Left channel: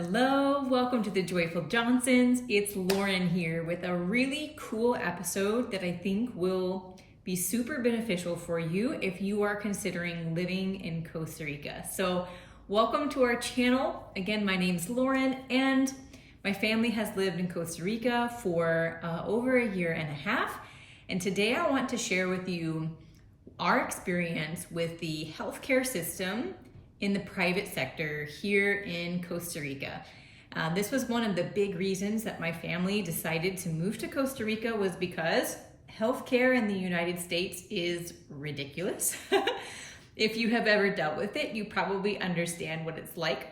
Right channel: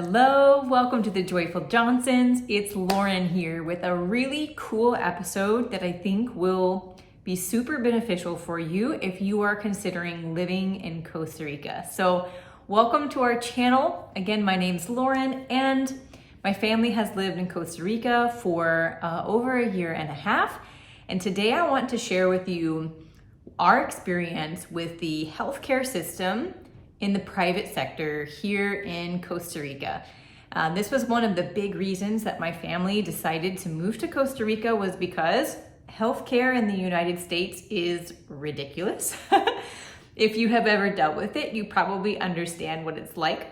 Hello, welcome to the Joyful Johnsons. It's Lauren here with a really cool episode that I think will be super beneficial for you if you are considering living in Costa Rica. So welcome to our channel. Again, my name's Lauren and my family has lived in Costa Rica for over a year and a half. And today I want to share with you our experience with the healthcare system in the private sector here in Costa Rica. This was one of the big reasons that my family decided to move to Costa Rica, was because healthcare in the United States is ridiculous. If you have ever dealt with it, you probably understand what it's like.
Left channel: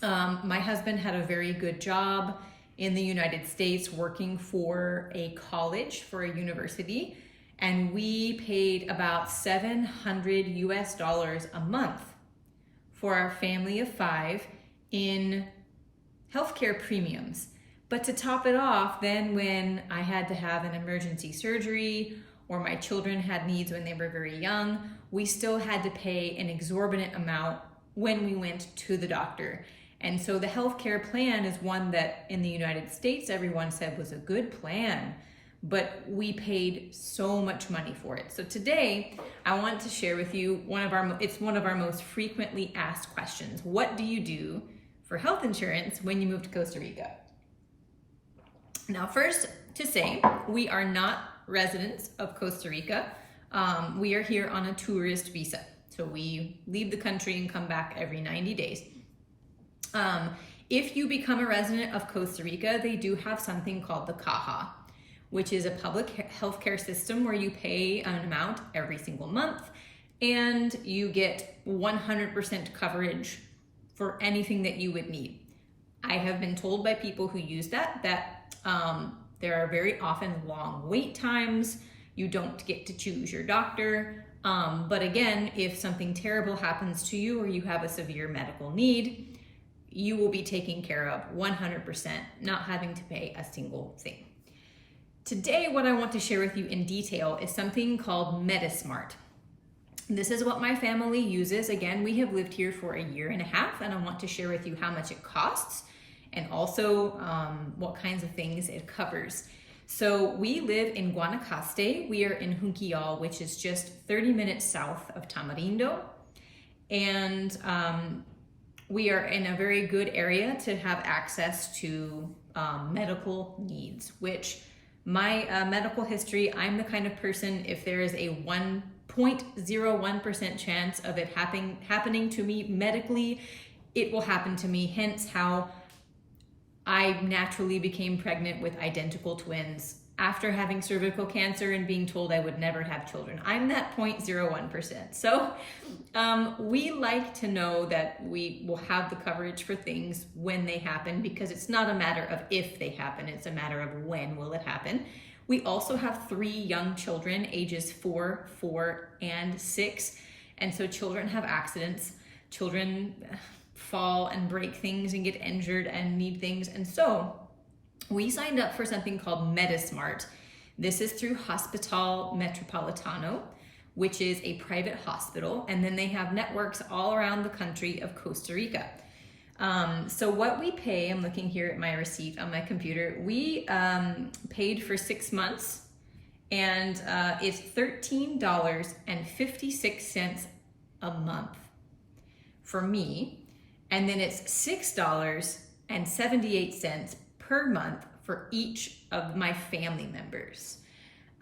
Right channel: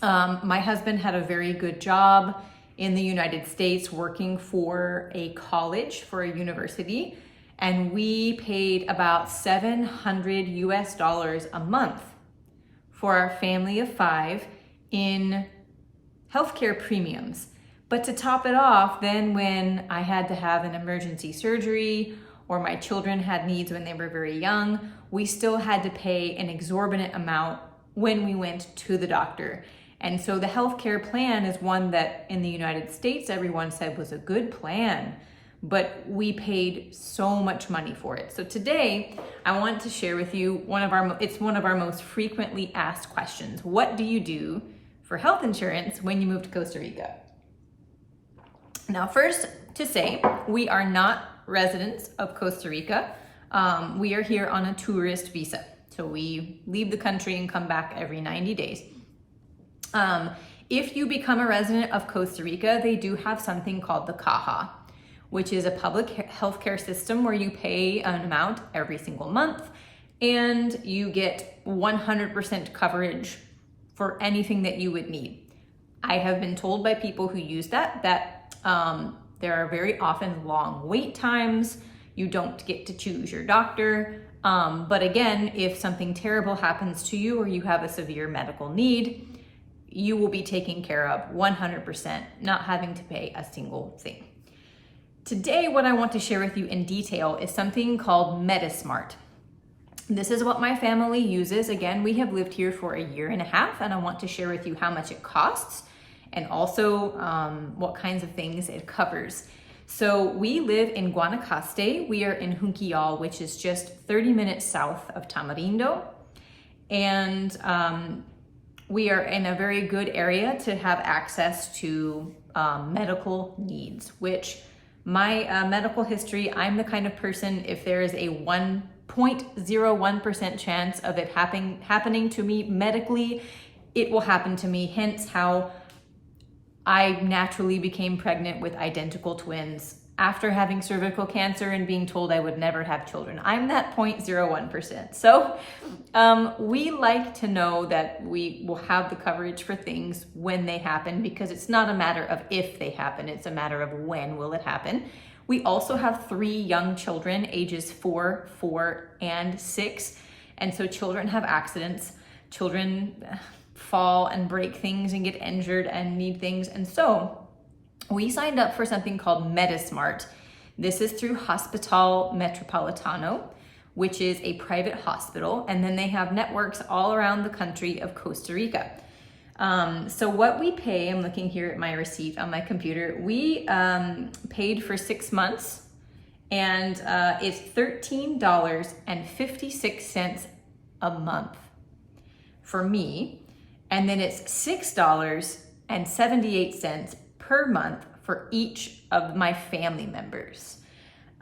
My husband had a very good job in the United States working for a college, for a university, and we paid about $700 a month for our family of 5 in healthcare premiums. But to top it off, then when I had to have an emergency surgery or my children had needs when they were very young, we still had to pay an exorbitant amount when we went to the doctor. And so the healthcare plan is one that in the United States, everyone said was a good plan, but we paid so much money for it. So today I want to share with you one of our most frequently asked questions. What do you do for health insurance when you move to Costa Rica? Now, first to say, we are not residents of Costa Rica. We are here on a tourist visa. So we leave the country and come back every 90 days. If you become a resident of Costa Rica, they do have something called the Caja, which is a public healthcare system where you pay an amount every single month and you get 100% coverage for anything that you would need. I have been told by people who use that there are very often long wait times. You don't get to choose your doctor. But again, if something terrible happens to you or you have a severe medical need, you will be taken care of 100%, not having to pay a single thing. Today, what I want to share with you in detail is something called Metasmart. This is what my family uses. Again, we have lived here for a year and a half, and I want to share with you how much it costs and also what kinds of things it covers. So we live in Guanacaste. We are in Junquillal, which is just 30 minutes south of Tamarindo. And we are in a very good area to have access to medical needs, which my medical history, I'm the kind of person, if there is a 1.01% chance of it happening to me medically, it will happen to me. Hence how I naturally became pregnant with identical twins after having cervical cancer and being told I would never have children. I'm that 0.01%. So we like to know that we will have the coverage for things when they happen, because it's not a matter of if they happen, it's a matter of when will it happen. We also have 3 young children, ages 4, 4, and 6. And so children have accidents. Children fall and break things and get injured and need things. And so we signed up for something called Metasmart. This is through Hospital Metropolitano, which is a private hospital, and then they have networks all around the country of Costa Rica. So what we pay, I'm looking here at my receipt on my computer, we paid for 6 months, and it's $13.56 a month for me, and then it's $6.78 per month for each of my family members.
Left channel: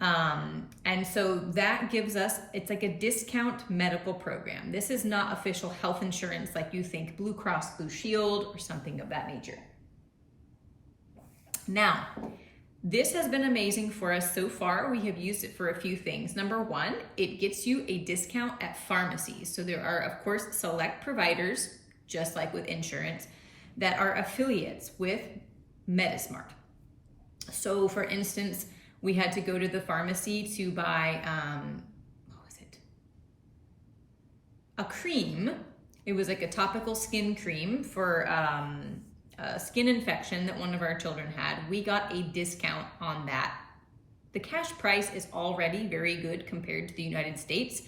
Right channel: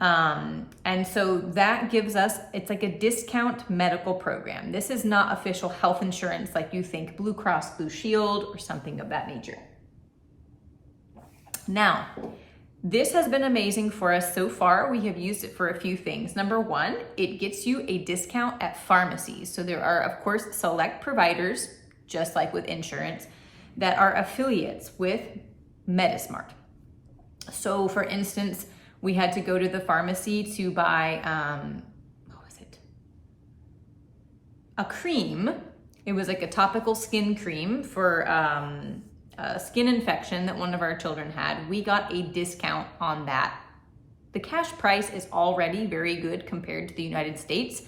And so that gives us, it's like a discount medical program. This is not official health insurance like you think Blue Cross Blue Shield or something of that nature. Now, this has been amazing for us so far. We have used it for a few things. Number one, it gets you a discount at pharmacies. So there are, of course, select providers, just like with insurance, that are affiliates with Metasmart. So for instance, we had to go to the pharmacy to buy, a cream. It was like a topical skin cream for a skin infection that one of our children had. We got a discount on that. The cash price is already very good compared to the United States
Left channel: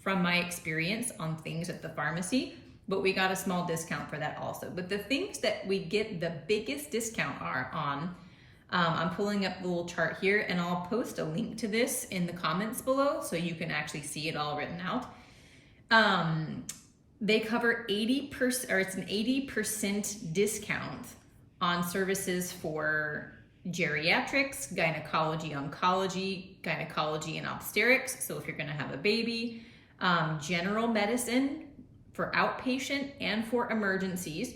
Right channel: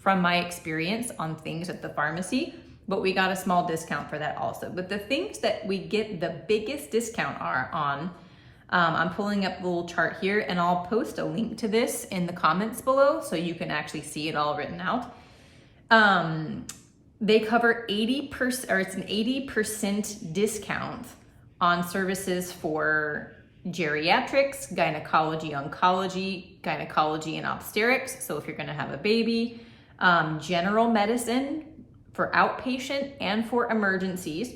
from my experience on things at the pharmacy. but we got a small discount for that also. But the things that we get the biggest discount are on, I'm pulling up the little chart here, and I'll post a link to this in the comments below so you can actually see it all written out. They cover 80%, or it's an 80% discount on services for geriatrics, gynecology, oncology, gynecology and obstetrics. So if you're gonna have a baby, general medicine for outpatient and for emergencies,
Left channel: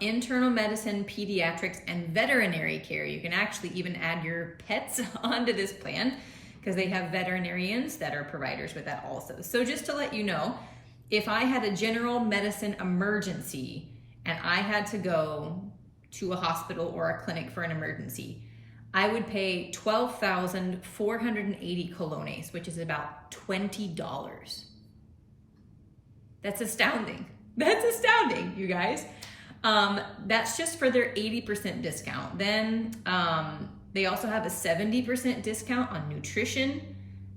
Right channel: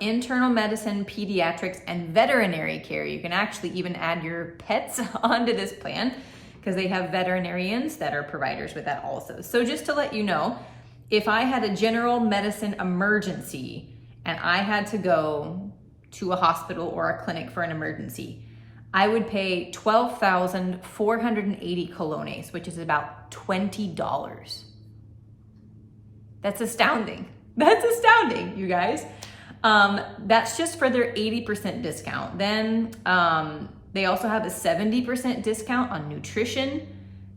internal medicine, pediatrics, and veterinary care. You can actually even add your pets onto this plan because they have veterinarians that are providers with that also. So just to let you know, if I had a general medicine emergency and I had to go to a hospital or a clinic for an emergency, I would pay 12,480 colones, which is about $20. That's astounding. That's astounding, you guys. That's just for their 80% discount. Then they also have a 70% discount on nutrition,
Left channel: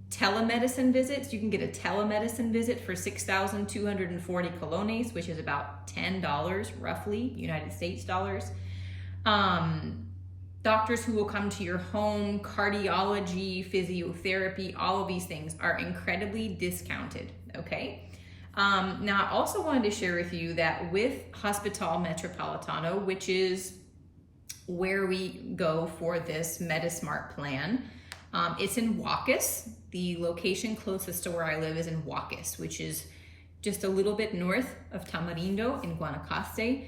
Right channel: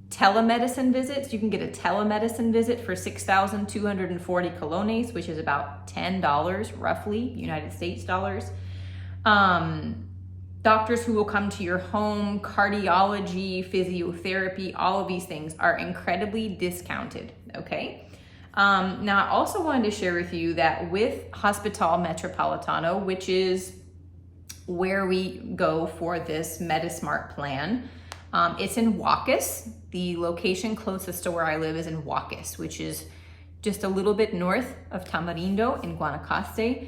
telemedicine visits. You can get a telemedicine visit for 6,240 colones, which is about $10 roughly, United States dollars. Doctors who will come to your home, cardiology, physiotherapy, all of these things are incredibly discounted, okay? Now, I also wanted to share with you that with Hospital Metropolitano, which is where we go for this Metasmart plan, it's in Huacas. The location closest to where I live is in Huacas, which is just a little bit north of Tamarindo in Guanacaste.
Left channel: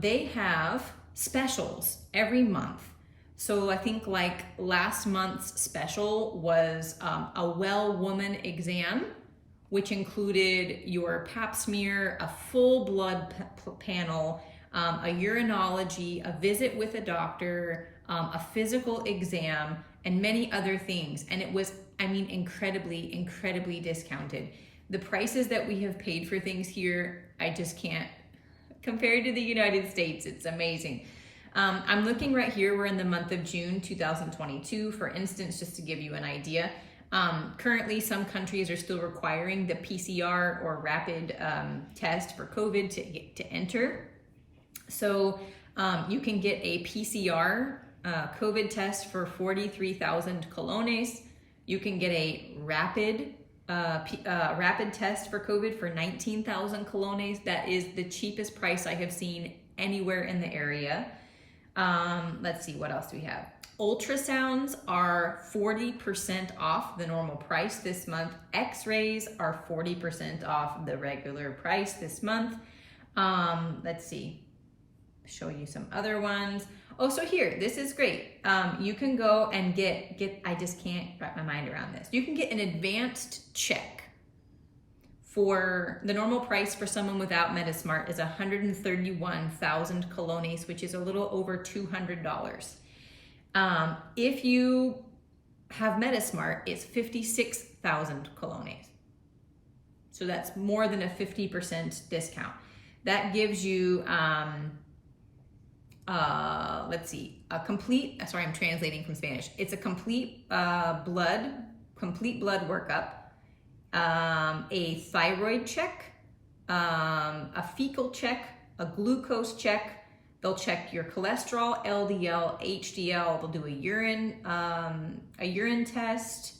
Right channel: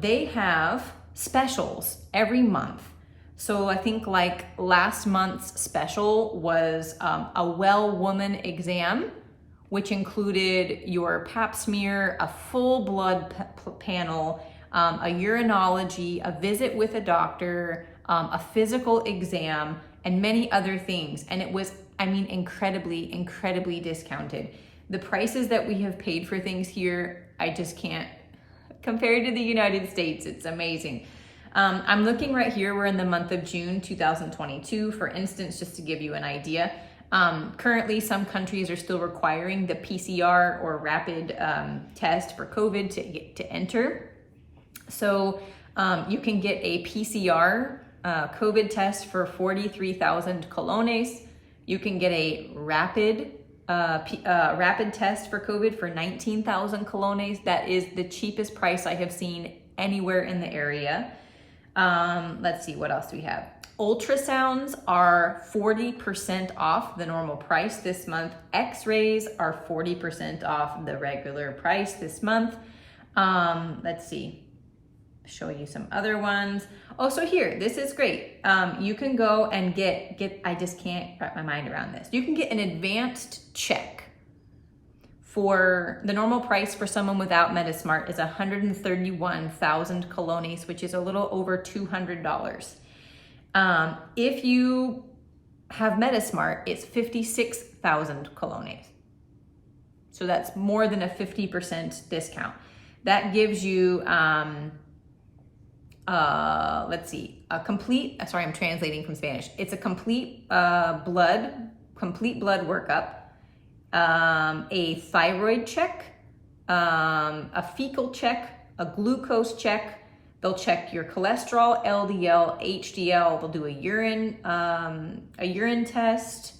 They have specials every month. So I think like last month's special was a well woman exam, which included your pap smear, a full blood panel, a urinology, a visit with a doctor, a physical exam, and many other things. And it was, I mean, incredibly, incredibly discounted. The prices that we have paid for things here, I just can't, compared to the United States, it's amazing. I'm looking right here, we're in the month of June 2022, for instance, just to give you an idea. Currently, some countries are still requiring the PCR or rapid test for COVID to enter. So you can get a PCR COVID test for 43,000 colones. You can get a rapid test for COVID for 19,000 colones. That is the cheapest price I have seen anywhere in the area. Let's see, what else do we have? Ultrasounds are 40% off the normal price this month. X-rays are 40% off the regular price this month. Let's see, show you some other ones. Oh, so here, this is great. You can go and get, I just can't wrap my mind around this. You can get an advanced check. For the normal price for someone without Metasmart is 131,000 colones, which is a little over $200. If you have Metasmart, it's 56,000 colones. So that's more than a 50% discount. That gives you, let's see, a complete, sorry, I'm translating from Spanish. It's a complete blood workup, a thyroid check, a fecal check, a glucose check. They'll check your cholesterol, LDL, HDL. They'll do a urine test.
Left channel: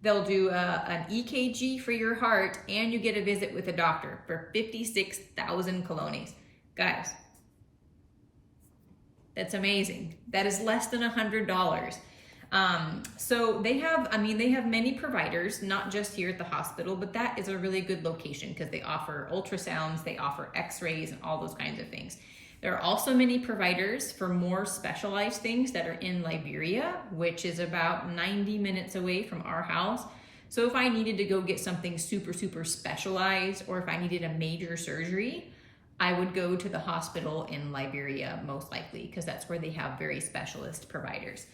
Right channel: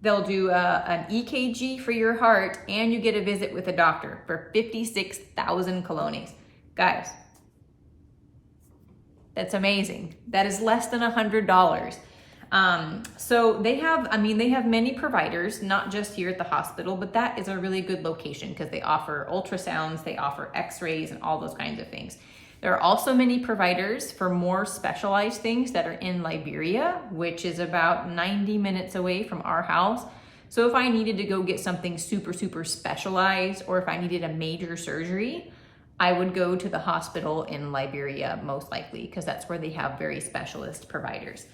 They'll do an EKG for your heart, and you get a visit with a doctor for 56,000 colones. Guys, that's amazing. That is less than $100. So they have, they have many providers, not just here at the hospital, but that is a really good location because they offer ultrasounds, they offer x-rays and all those kinds of things. There are also many providers for more specialized things that are in Liberia, which is about 90 minutes away from our house. So if I needed to go get something super, super specialized, or if I needed a major surgery, I would go to the hospital in Liberia most likely, because that's where they have very specialist providers.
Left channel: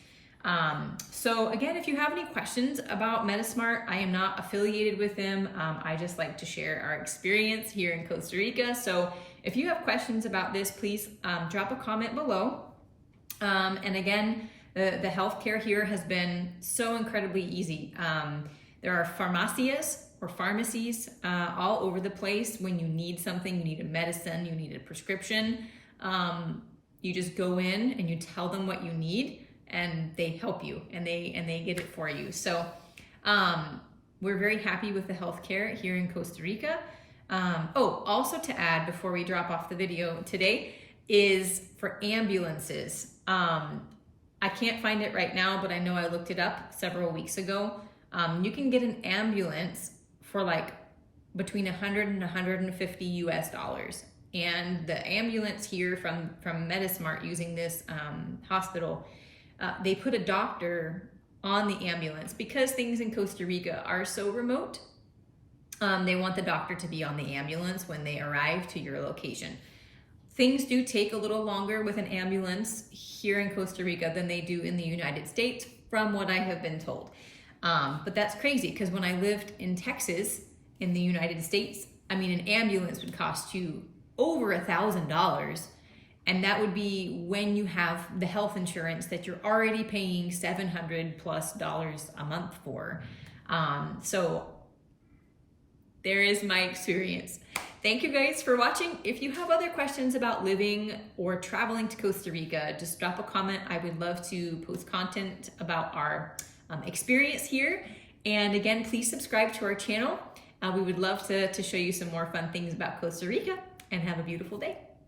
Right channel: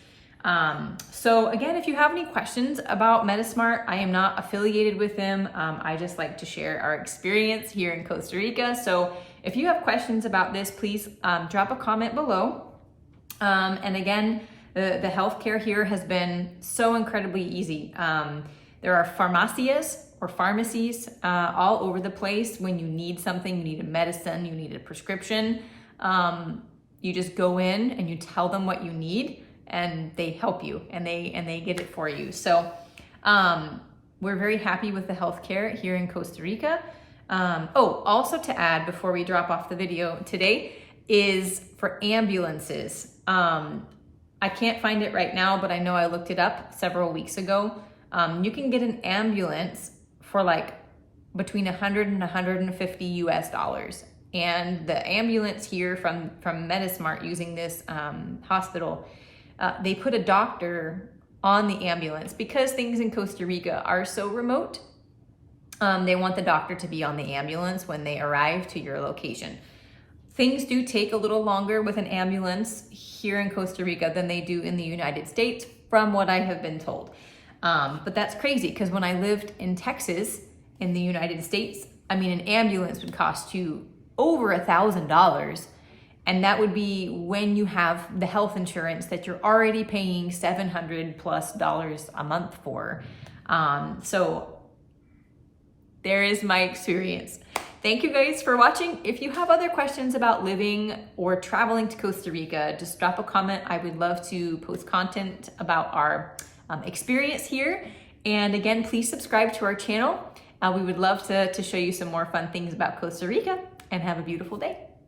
So again, if you have any questions about Metasmart, I am not affiliated with them. I just like to share our experience here in Costa Rica. So if you have questions about this, please drop a comment below. And again, the healthcare here has been so incredibly easy. There are farmacias or pharmacies all over the place. When you need something, you need a medicine, you need a prescription, you just go in and you tell them what you need, and they help you, and they get it for you. So we're very happy with the healthcare here in Costa Rica. Also to add before we drop off the video today is for ambulances. I can't find it right now, but I know I looked it up several weeks ago. You can get an ambulance for like between $100 and $150 US. And the ambulance here from Metasmart, using this hospital, they put a doctor on the ambulance because things in Costa Rica are so remote. They want the doctor to be on the ambulance when they arrive to your location. Things do take a little longer with an ambulance here in Costa Rica than they do in the United States, from what I have been told. But that's crazy, because when I lived in Texas in the United States, I mean, an ambulance would cost you over $1,000. And that would be when you have the health insurance that you're already paying $700+ a month for. So there is my experience. Thank you guys for watching. If you have other questions about living or traveling to Costa Rica, just drop a comment. I would love to post content about our experience here. And again, please subscribe to our channel. We would love to show you some more fun things about Costa Rica, and have a beautiful day.